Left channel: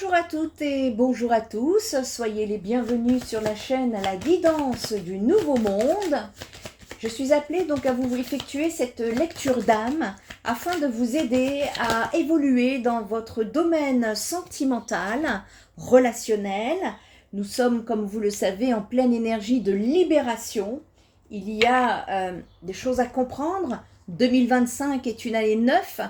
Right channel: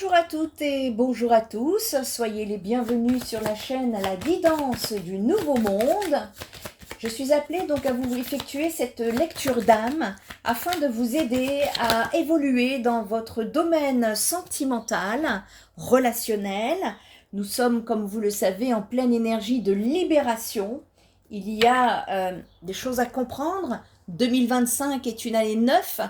Bonjour à toutes et bonjour à tous, soyez les bienvenus sur la chaîne à la guidance du nouveau monde. Je suis appelée donc à vous effectuer cette lecture d'âme afin de vous aider à évoluer dans votre domaine sentimental, relationnel. Nous sommes, comme vous le savez, en pleine énergie de libération. Il y a des choses à comprendre. 2025 est une année 9,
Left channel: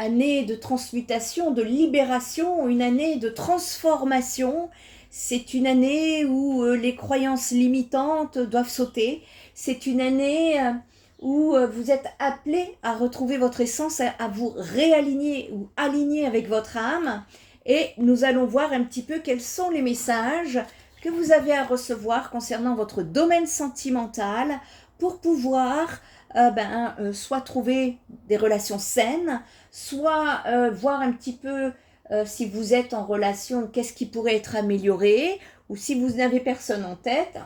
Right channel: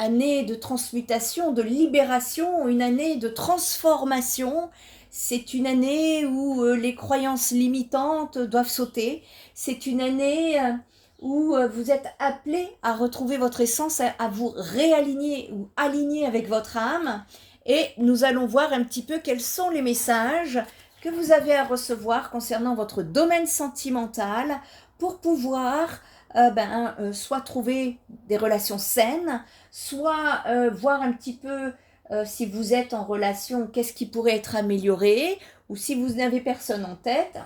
année de transmutation, de libération, une année de transformation. C'est une année où les croyances limitantes doivent sauter. C'est une année où vous êtes appelé à retrouver votre essence, à vous réaligner ou aligner avec votre âme. Et nous allons voir un petit peu quels sont les messages que vous avez à recevoir concernant votre domaine sentimental pour pouvoir soit trouver des relations saines, soit voir un petit peu si vous êtes en relation, qu'est-ce qui pourrait être amélioré, ou si vous n'avez personne en tête,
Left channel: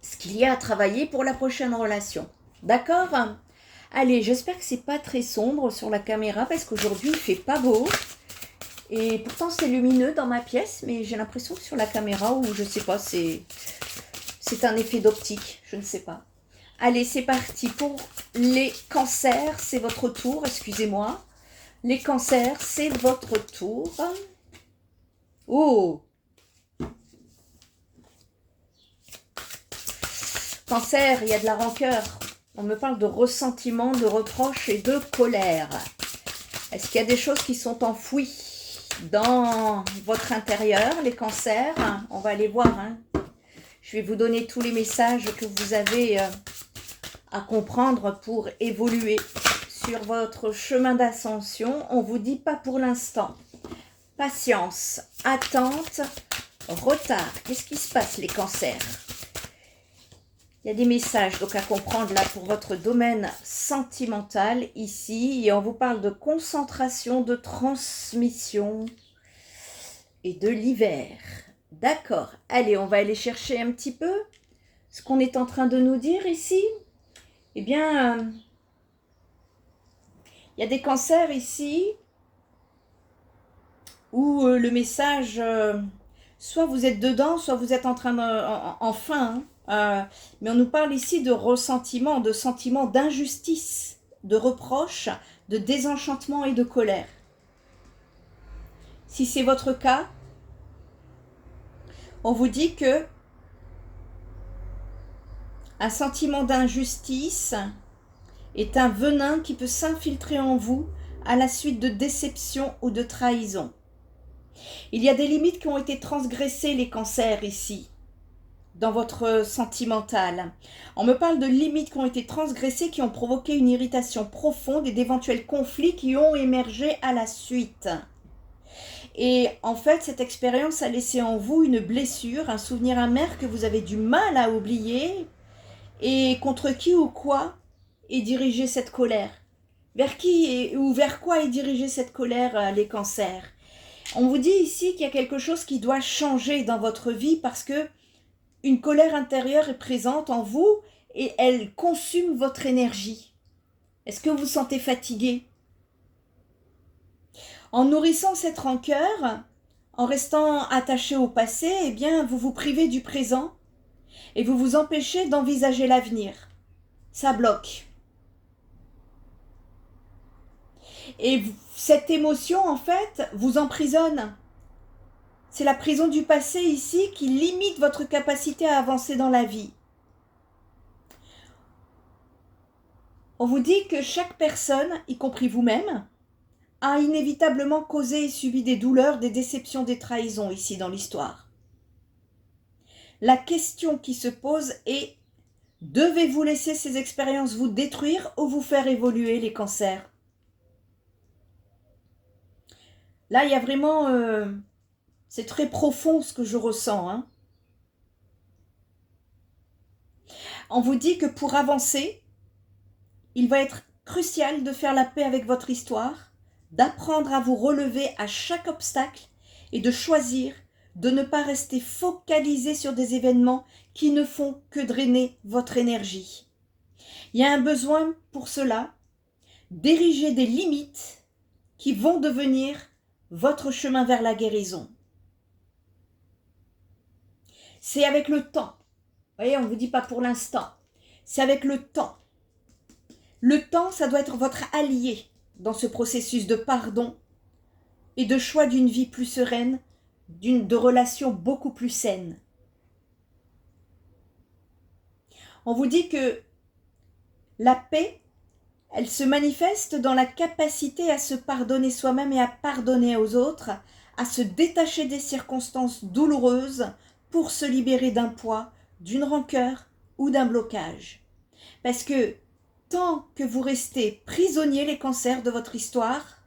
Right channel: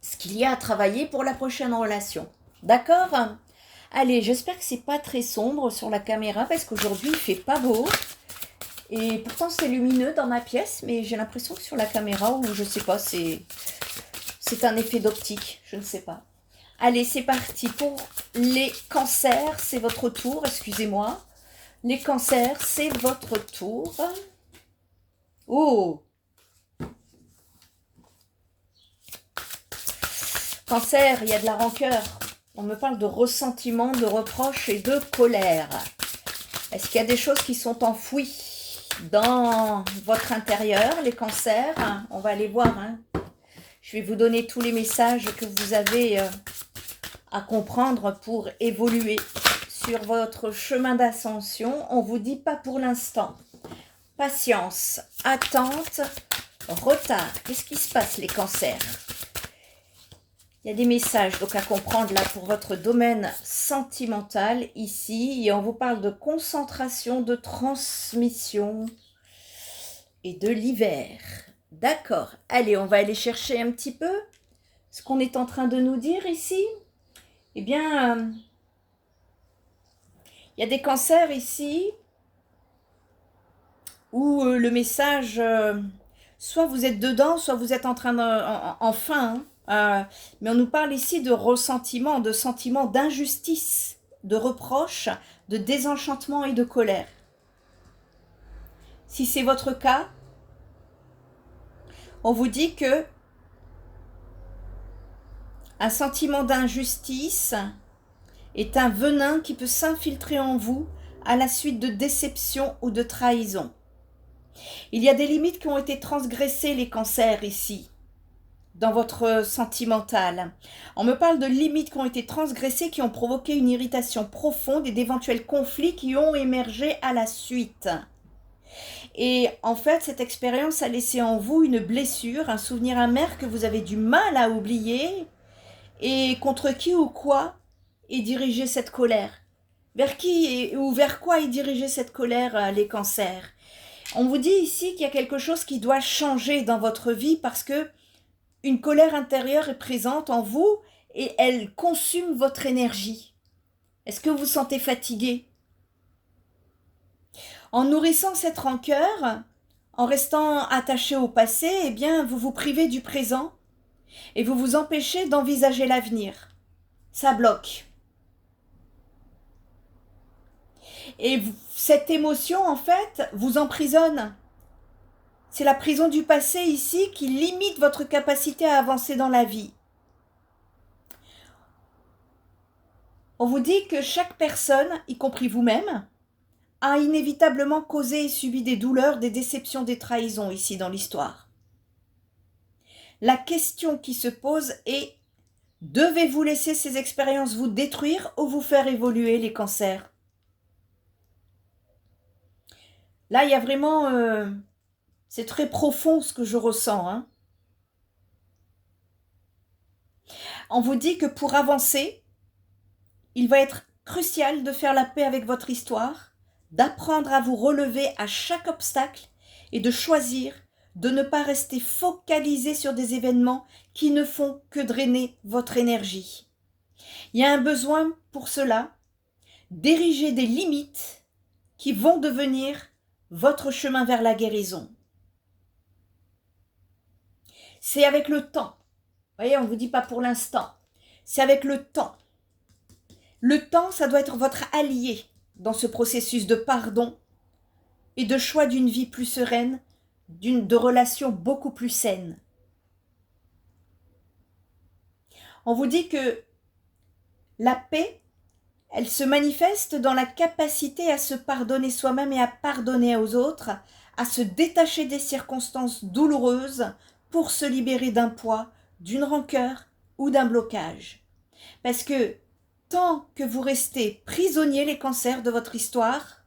ce qu'il y a à travailler pour la prochaine relation. D'accord? Allez, j'espère que c'est pas très sombre sur la caméra parce qu'aujourd'hui il fait pas beau. Et pourtant c'est lumineux dans ma pièce, mais j'ai l'impression que sur la caméra, ou je sais pas, c'est un effet d'optique, je ne sais pas. Allez, c'est parti pour les cancers, c'est votre tour, excusez-moi. Les cancers, c'est votre tour. Oh! Cancer, il y a de la rancœur. On me parle de ressentiment, de reproche et de colère. Est-ce qu'il y a des choses qui sont enfouies dans votre intérieur, les cancers? On va aller voir. Je vais vous donner tous les messages que vous avez à comprendre pour évoluer sur votre chemin d'ascension. On vous dit pas pour l'instant. Patience, attente, retard. Qu'est-ce qui se passe, les cancers? Il y a des messages donc à comprendre là pour votre domaine sentimental ici. Et on vous parle de concentration, de transmission et de l'hiver. D'accord. Allez, on va aller chercher un petit peu ce qu'on est en train de nous dire ici. Eh bien, il y a des cancers ici où le message, soit vous êtes dedans, soit vous êtes en train enfin, mais on nous parle ici de ressentiment, de sentiment d'injustice, de reproche, de désenchantement et de colère. Si c'est votre cas, on vous dit que un sentiment d'injustice est un venin qui peut s'infiltrer en vous à la suite de déception ou de trahison. Il y a des limites qui ont été transgressées, les cancers, ici, dans votre sentimental. On me parle de limites qui ont été transgressées, qui ont provoqué une irritation profonde et d'éventuels conflits qui ont émergé à la suite. Et en fait, cette expérience a laissé en vous une blessure, un souvenir amer que vous avez du mal à oublier. Et contre qui ou quoi est dirigée cette colère? Vers qui ou vers quoi est dirigée cette colère, les cancers? On vous dit ici qu'il y a quelque chose qui doit changer dans votre vie parce que une colère intérieure est présente en vous et elle consume votre énergie. Est-ce que vous vous sentez fatigué? En nourrissant cette rancœur, en restant attaché au passé, eh bien, vous vous privez du présent et vous vous empêchez d'envisager l'avenir. Ça bloque. Et cette émotion, en fait, vous emprisonne. C'est la prison du passé ici qui limite votre capacité à avancer dans la vie. On vous dit que chaque personne, y compris vous-même, a inévitablement causé et subi des douleurs, des déceptions, des trahisons ici dans l'histoire. La question qui se pose est: devez-vous laisser ces expériences vous détruire ou vous faire évoluer, les cancers? Là, il y a vraiment... c'est très profond ce que je ressens. On vous dit que pour avancer, il va être crucial de faire la paix avec votre histoire, d'apprendre à vous relever à chaque obstacle et de choisir de ne pas rester focalisé sur des événements qui ne font que drainer votre énergie. Il y a un besoin pour cela d'ériger des limites qui vont devenir votre chemin vers la guérison. C'est avec le temps. Vous voyez, on ne vous dit pas pour l'instant. C'est avec le temps. Le temps, ça doit être votre allié dans ce processus de pardon et de choix d'une vie plus sereine, de relations beaucoup plus saines. On vous dit que la paix, elle se manifeste dans la capacité à se pardonner soi-même et à pardonner aux autres, à se détacher des circonstances douloureuses pour se libérer d'un poids, d'une rancœur ou d'un blocage. Parce que tant que vous restez prisonniers, les cancers de votre histoire,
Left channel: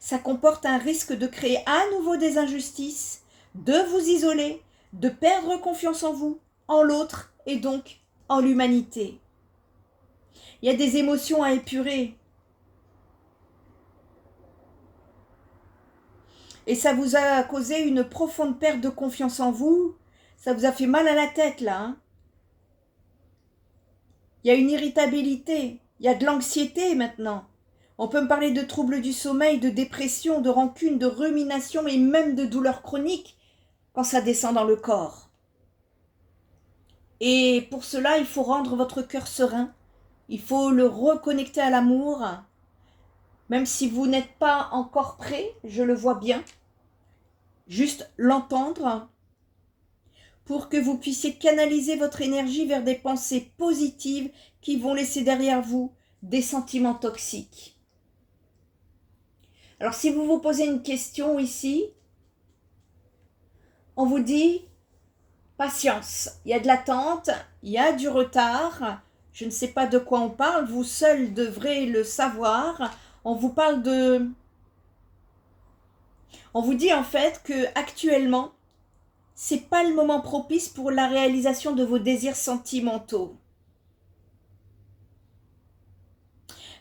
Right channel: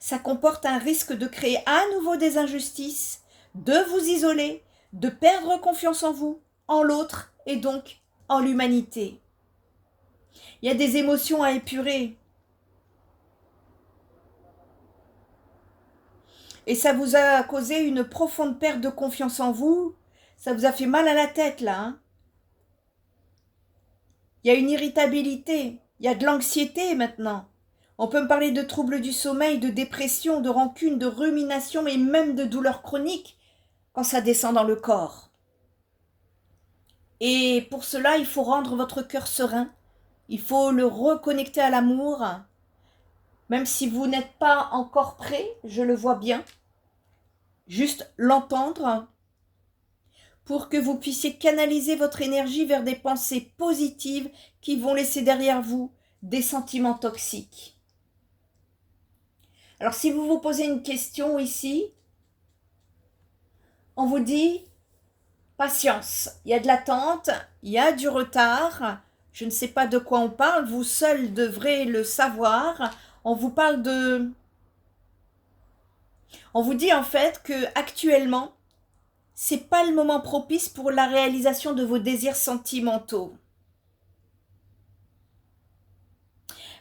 ça comporte un risque de créer à nouveau des injustices, de vous isoler, de perdre confiance en vous, en l'autre et donc en l'humanité. Il y a des émotions à épurer. Et ça vous a causé une profonde perte de confiance en vous. Ça vous a fait mal à la tête, là. Hein. Il y a une irritabilité. Il y a de l'anxiété maintenant. On peut me parler de troubles du sommeil, de dépression, de rancune, de rumination et même de douleurs chroniques quand ça descend dans le corps. Et pour cela, il faut rendre votre cœur serein. Il faut le reconnecter à l'amour. Même si vous n'êtes pas encore prêt, je le vois bien. Juste l'entendre pour que vous puissiez canaliser votre énergie vers des pensées positives qui vont laisser derrière vous des sentiments toxiques. Alors si vous vous posez une question ici, on vous dit patience, il y a de l'attente, il y a du retard, je ne sais pas de quoi on parle, vous seul devrez le savoir. On vous parle de... On vous dit en fait que actuellement, c'est pas le moment propice pour la réalisation de vos désirs sentimentaux.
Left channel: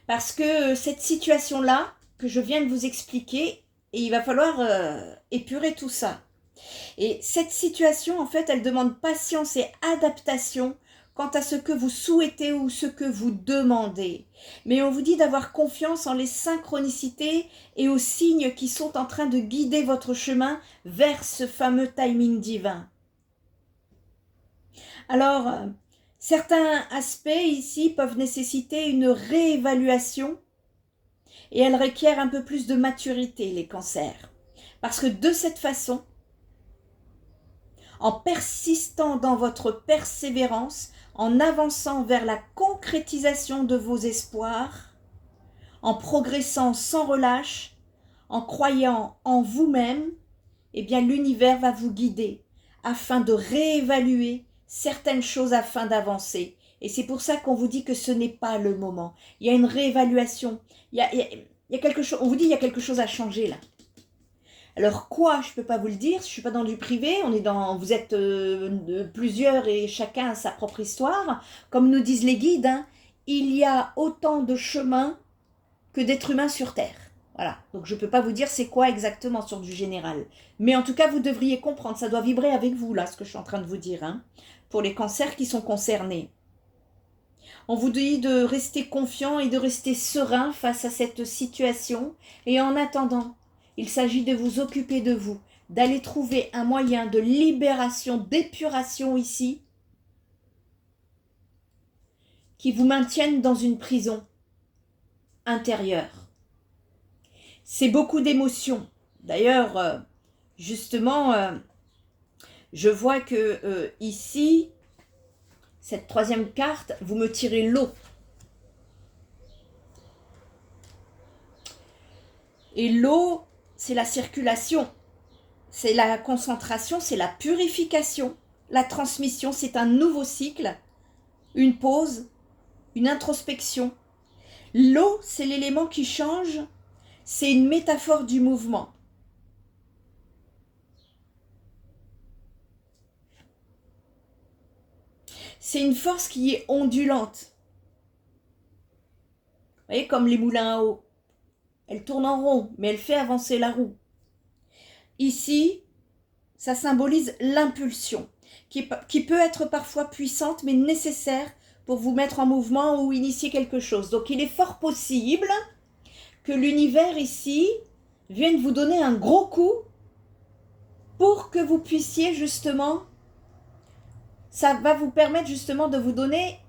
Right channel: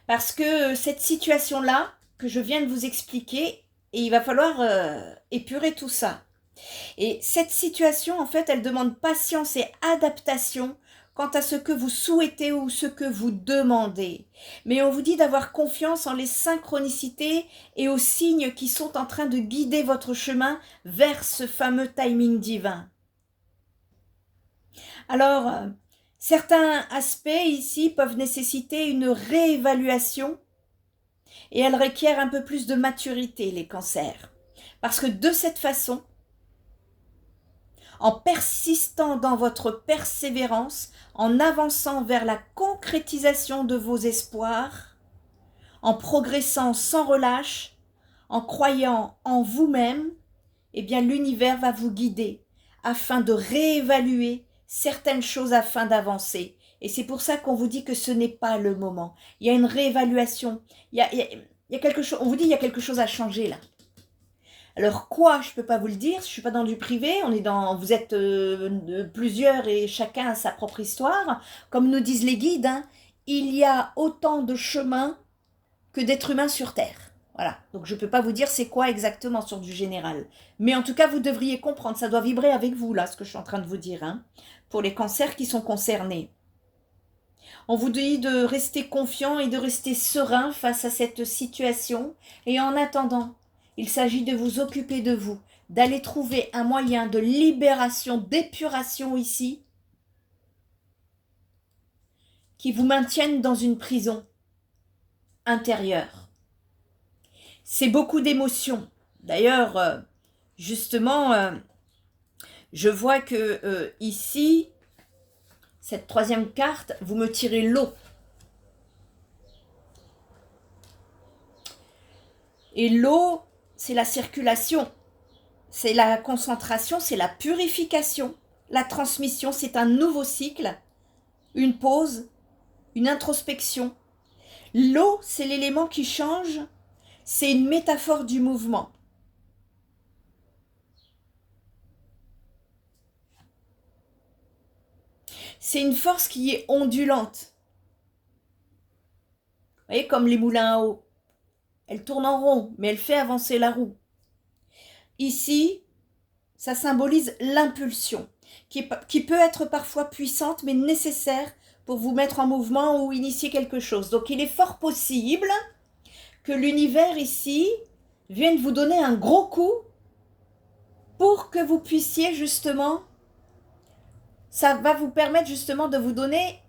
Parce que cette situation-là, que je viens de vous expliquer, et il va falloir épurer tout ça. Et cette situation, en fait, elle demande patience et adaptation quant à ce que vous souhaitez ou ce que vous demandez. Mais on vous dit d'avoir confiance en les synchronicités et aux signes qui sont en train de guider votre chemin vers ce fameux timing divin. Alors, certains aspects ici peuvent nécessiter une réévaluation et elles requièrent un peu plus de maturité, les cancers. Parce que de cette façon, en persistant dans votre persévérance, en avançant vers la concrétisation de vos espoirs, en progressant sans relâche, en croyant en vous-même, eh bien l'univers va vous guider afin de réévaluer certaines choses afin d'avancer. Et c'est pour ça qu'on vous dit que ce n'est pas le moment. Il y a une réévaluation. Il y a quelque chose, on vous dit il y a quelque chose à changer là. Alors quoi, je ne peux pas vous le dire, je ne suis pas dans du privé, vous êtes plusieurs et chacun a sa propre histoire. Comme nous disent les guides, hein, il y a autant de chemins que d'êtres humains sur Terre. Voilà, donc je ne peux pas vous dire c'est quoi exactement sur du général. Mais en tout cas, vous devriez comprendre, ça doit vibrer avec vous là, ce que je suis en train de vous dire, hein, pour les cancers qui sont concernés. On vous dit de rester confiant et de rester serein face à cette situation. Et en attendant, il s'agit de vous occuper de vous, d'aller trouver un moyen de libération, d'épuration ici, qui vous maintienne dans une prison intérieure. C'est beaucoup d'émotions. D'ailleurs, justement, je vois que ici, cette troisième carte, vous me tirez l'eau. Et l'eau, c'est la circulation, c'est la concentration, c'est la purification. La transmission, c'est un nouveau cycle, une pause, une introspection. L'eau, c'est l'élément qui change, c'est une métaphore du mouvement. C'est une force qui est ondulante. Vous voyez, comme les moulins à eau. Elle tourne en rond, mais elle fait avancer la roue. Ici, ça symbolise l'impulsion, qui peut être parfois puissante, mais nécessaire pour vous mettre en mouvement ou initier quelque chose. Donc, il est fort possible que l'univers ici vienne vous donner un gros coup pour que vous puissiez justement ça va vous permettre justement de vous donner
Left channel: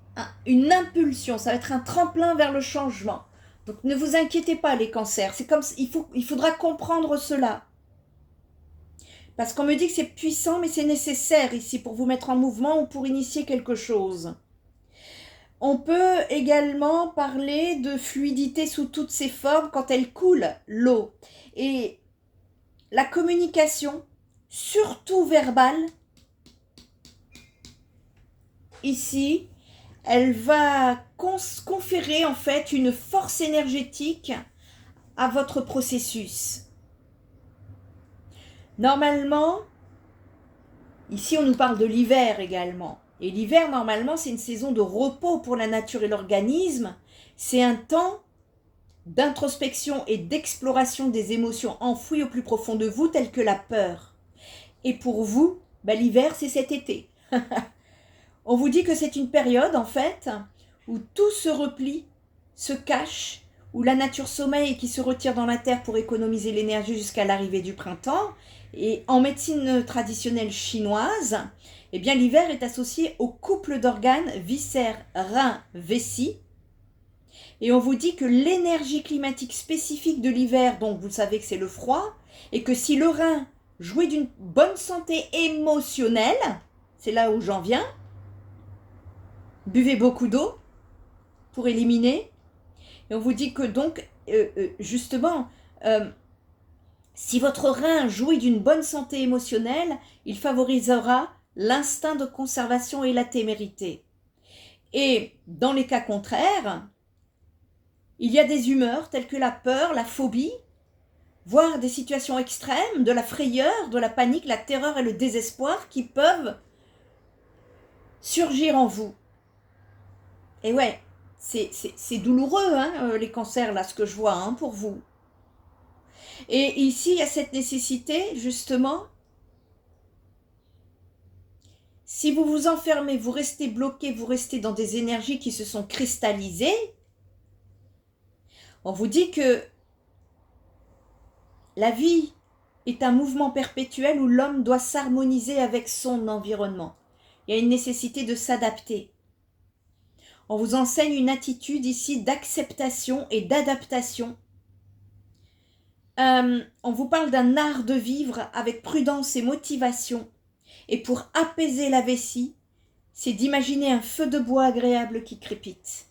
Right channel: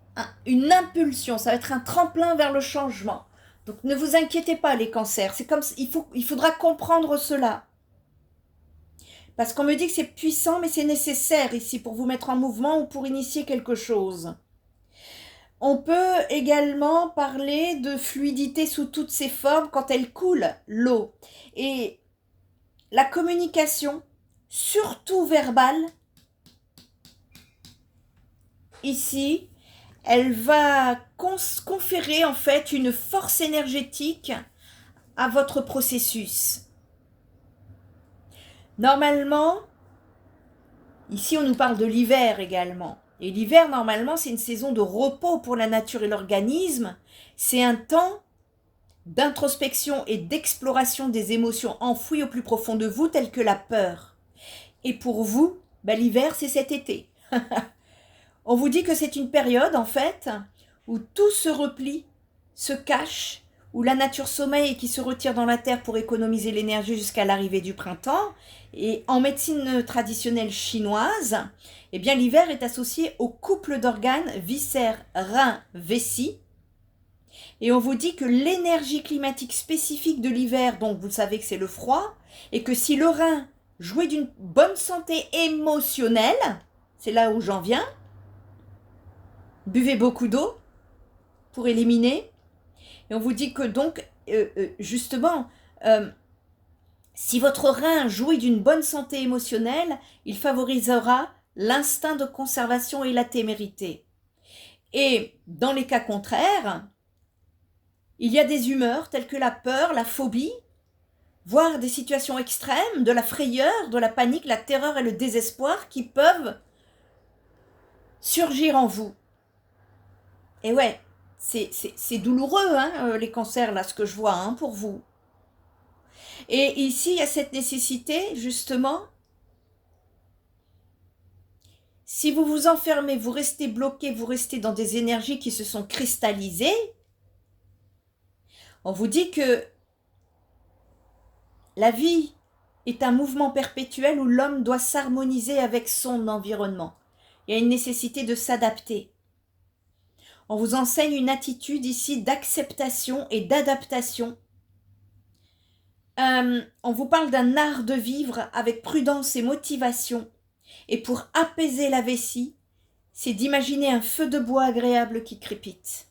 une impulsion, ça va être un tremplin vers le changement. Donc ne vous inquiétez pas les cancers, c'est comme il faudra comprendre cela. Parce qu'on me dit que c'est puissant, mais c'est nécessaire ici pour vous mettre en mouvement ou pour initier quelque chose. On peut également parler de fluidité sous toutes ses formes quand elle coule, l'eau. Et la communication, surtout verbale, ici, elle va conférer en fait une force énergétique à votre processus. Normalement, ici on nous parle de l'hiver également. Et l'hiver, normalement, c'est une saison de repos pour la nature et l'organisme. C'est un temps d'introspection et d'exploration des émotions enfouies au plus profond de vous, telles que la peur. Et pour vous, l'hiver, c'est cet été. On vous dit que c'est une période, en fait, où tout se replie, se cache, où la nature sommeille et qui se retire dans la terre pour économiser l'énergie jusqu'à l'arrivée du printemps. Et en médecine traditionnelle chinoise, eh bien l'hiver est associé au couple d'organes viscères, reins, vessie. Et on vous dit que l'énergie climatique spécifique de l'hiver, donc vous savez que c'est le froid, et que si le rein jouit d'une bonne santé émotionnelle, c'est là où j'en viens, buvez beaucoup d'eau pour éliminer. Et on vous dit que donc, justement, si votre rein jouit d'une bonne santé émotionnelle, il favorisera l'instinct de conservation et la témérité. Et dans les cas contraires, il y a des humeurs telles que la peur, la phobie, voire des situations extrêmes, de la frayeur, de la panique, la terreur et le désespoir qui peuvent surgir en vous. Et ouais, c'est douloureux, hein, les cancers, là, ce que je vois, hein, pour vous. Et ici, il y a cette nécessité, justement, si vous vous enfermez, vous restez bloqué, vous restez dans des énergies qui se sont cristallisées, on vous dit que la vie est un mouvement perpétuel où l'homme doit s'harmoniser avec son environnement. Il y a une nécessité de s'adapter. On vous enseigne une attitude ici d'acceptation et d'adaptation. On vous parle d'un art de vivre avec prudence et motivation. Et pour apaiser la vessie, c'est d'imaginer un feu de bois agréable qui crépite.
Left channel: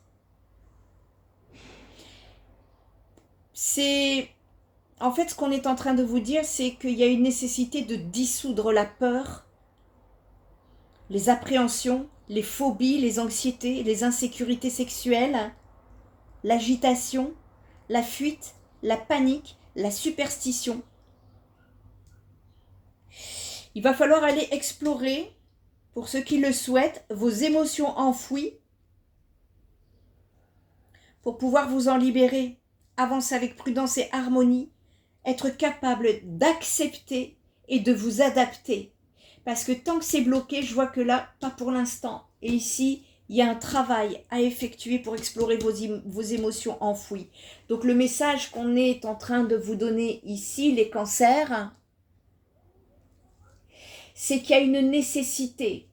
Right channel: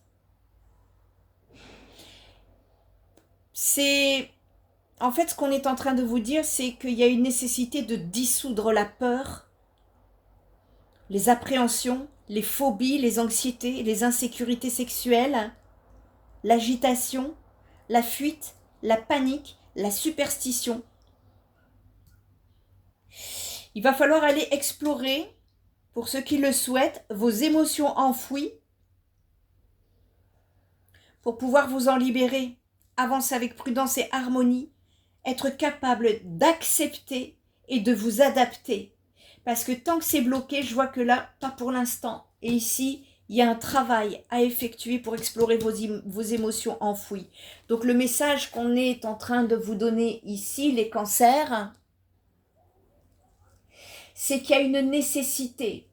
En fait, ce qu'on est en train de vous dire, c'est qu'il y a une nécessité de dissoudre la peur, les appréhensions, les phobies, les anxiétés, les insécurités sexuelles, l'agitation, la fuite, la panique, la superstition. Il va falloir aller explorer, pour ceux qui le souhaitent, vos émotions enfouies pour pouvoir vous en libérer, avancer avec prudence et harmonie, être capable d'accepter et de vous adapter. Parce que tant que c'est bloqué, je vois que là, pas pour l'instant. Et ici, il y a un travail à effectuer pour explorer vos émotions enfouies. Donc le message qu'on est en train de vous donner ici, les cancers, c'est qu'il y a une nécessité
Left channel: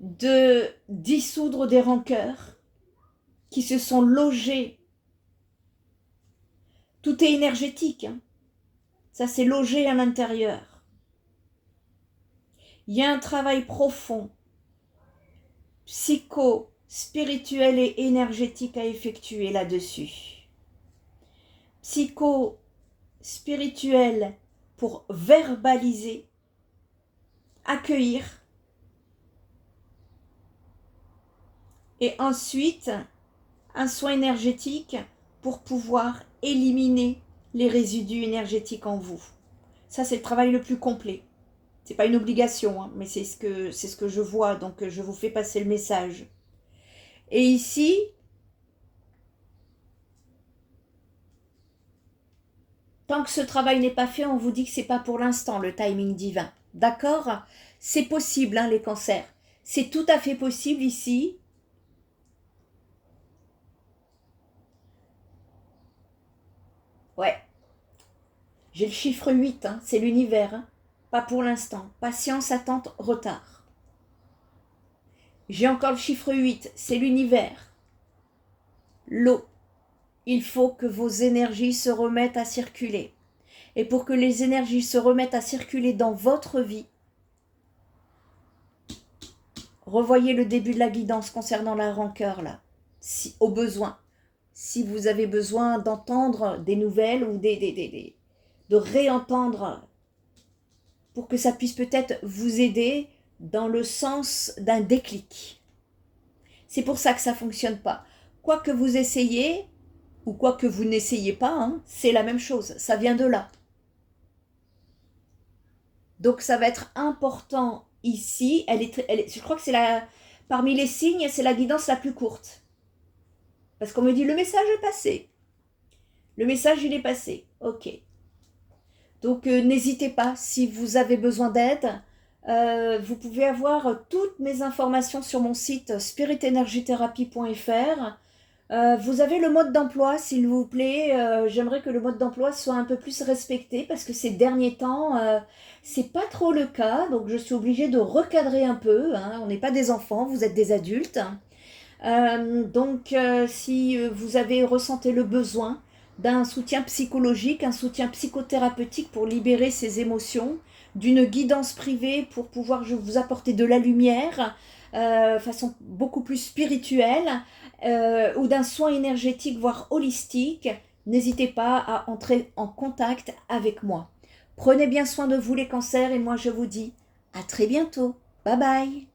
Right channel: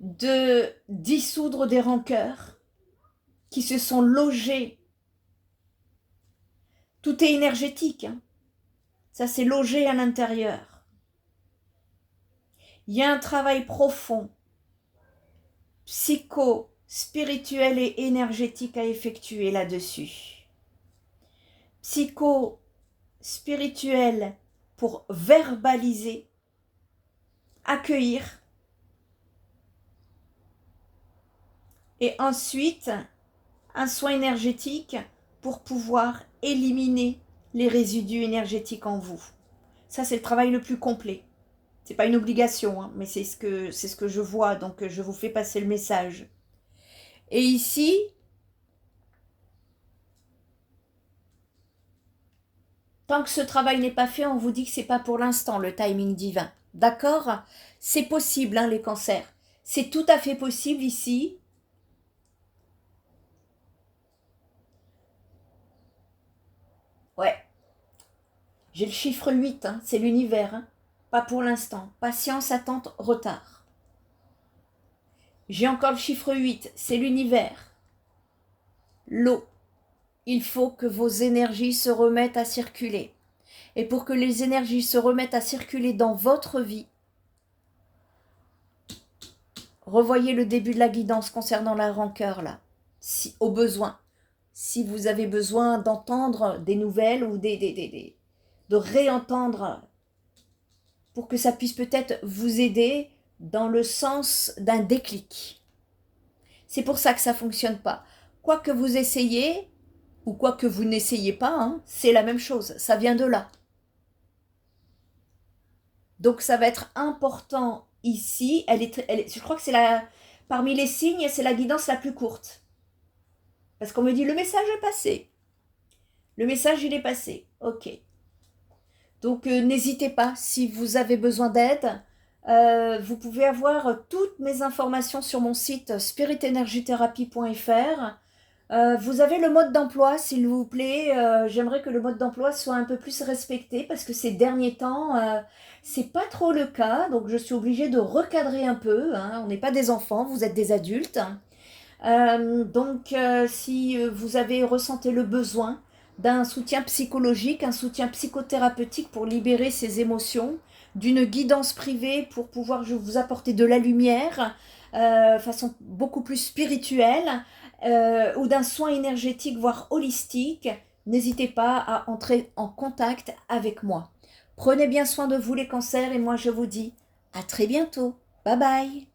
de dissoudre des rancœurs qui se sont logées. Tout est énergétique, hein. Ça c'est logé à l'intérieur. Il y a un travail profond, psycho, spirituel et énergétique à effectuer là-dessus. Psycho, spirituel pour verbaliser, accueillir, et ensuite un soin énergétique pour pouvoir éliminer les résidus énergétiques en vous. Ça, c'est le travail le plus complet. C'est pas une obligation, hein, mais c'est ce que je vois, donc je vous fais passer le message. Et ici, tant que ce travail n'est pas fait, on vous dit que c'est pas pour l'instant le timing divin. D'accord? C'est possible, hein, les cancers. C'est tout à fait possible ici. Ouais. J'ai le chiffre 8, hein, c'est l'univers. Hein. Pas pour l'instant. Patience, attente, retard. J'ai encore le chiffre 8, c'est l'univers. L'eau. Il faut que vos énergies se remettent à circuler. Et pour que les énergies se remettent à circuler dans votre vie, revoyez le début de la guidance concernant la rancœur, là, si, au besoin. Si vous avez besoin d'entendre des nouvelles ou de réentendre pour que ça puisse peut-être vous aider dans le sens d'un déclic. C'est pour ça que ça ne fonctionne pas. Quoi que vous essayez, ou quoi que vous n'essayez pas, hein, c'est la même chose, ça vient de là. Donc ça va être important ici, je crois que c'est parmi les signes, c'est la guidance la plus courte. Parce qu'on me dit, le message est passé. Le message, il est passé. Ok. Donc n'hésitez pas, si vous avez besoin d'aide, vous pouvez avoir toutes mes informations sur mon site spiritenergytherapy.fr. Vous avez le mode d'emploi, s'il vous plaît. J'aimerais que le mode d'emploi soit un peu plus respecté parce que ces derniers temps, c'est pas trop le cas. Donc je suis obligée de recadrer un peu, hein. On n'est pas des enfants, vous êtes des adultes. Si vous avez ressenti le besoin d'un soutien psychologique, un soutien psychothérapeutique pour libérer ces émotions, d'une guidance privée pour pouvoir vous apporter de la lumière, façon beaucoup plus spirituelle, ou d'un soin énergétique, voire holistique, n'hésitez pas à entrer en contact avec moi. Prenez bien soin de vous les cancers et moi je vous dis à très bientôt. Bye bye.